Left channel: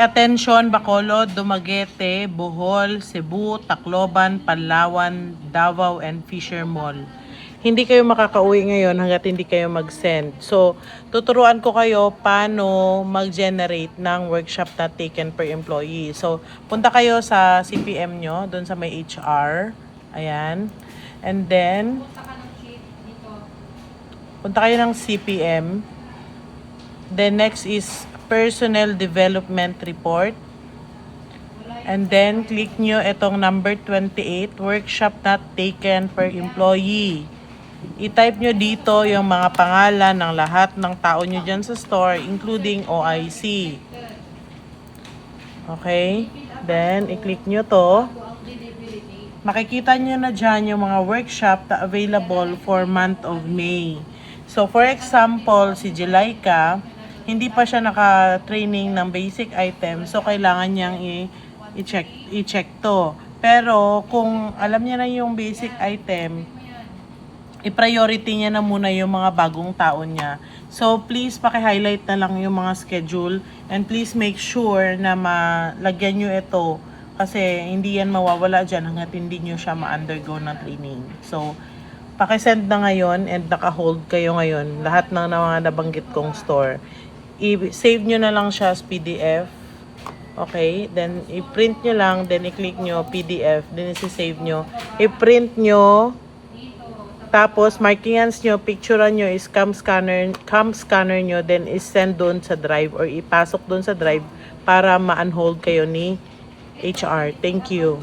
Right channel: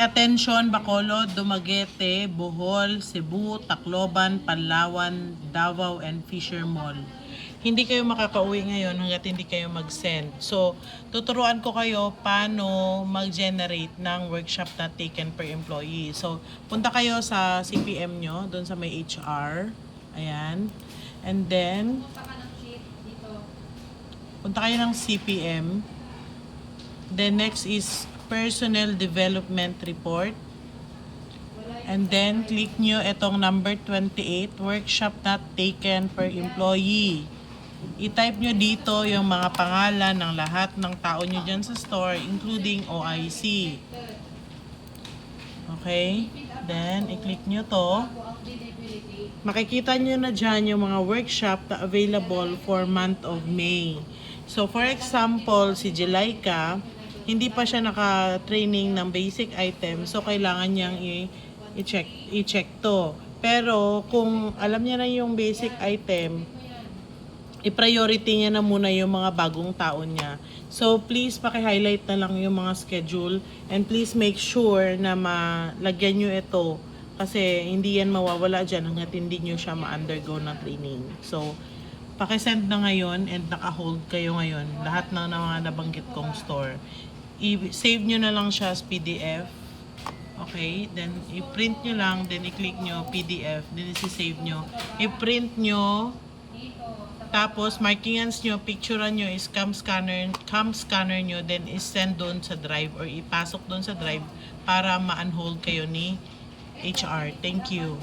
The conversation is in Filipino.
Attention, Bacolod, Dumaguete, Bohol, Cebu, Tacloban, Palawan, Davao, and Fisher Mall. Hindi kayo makakauwi ngayon hanggat hindi kayo mag-send. So, tuturuan ko kayo paano mag-generate ng workshop na taken per employee. So, punta kayo sa CPM nyo, doon sa may HR. Ayan. And then, punta kayo ng CPM. Then, next is Personnel Development Report. And then, click nyo itong number 28, workshop not taken per employee. I-type nyo dito yung mga pangalan ng lahat ng tao nyo dyan sa store, including OIC. Okay? Then, i-click nyo to. Makikita nyo na dyan yung mga workshop na available for month of May. So, for example, si Jelaika, hindi pa siya naka-training ng basic item, so kailangan niyang i-check to. Pero kung alam niya na yung basic item, i-priority niya na muna yung mga bagong taon niya. So please paki-highlight na lang yung mga schedule, and please make sure na malagyan niyo ito kasi hindi yan mawawala dyan hanggat hindi niyo siya ma-undergo ng training. So paki-send na ngayon and naka-hold kayo ngayon lahat ng mga nabanggit kong store. I-save nyo na lang siya as PDF. Okay? Then, i-print nyo lang. Then, i-click nyo PDF. Then, i-save nyo. I-print nyo. Tapos, markingans nyo, picturean nyo, is cam scanner nyo. Then, is-send doon sa drive or ipasok doon sa drive para ma-unhold kayo ni HR. Thank you.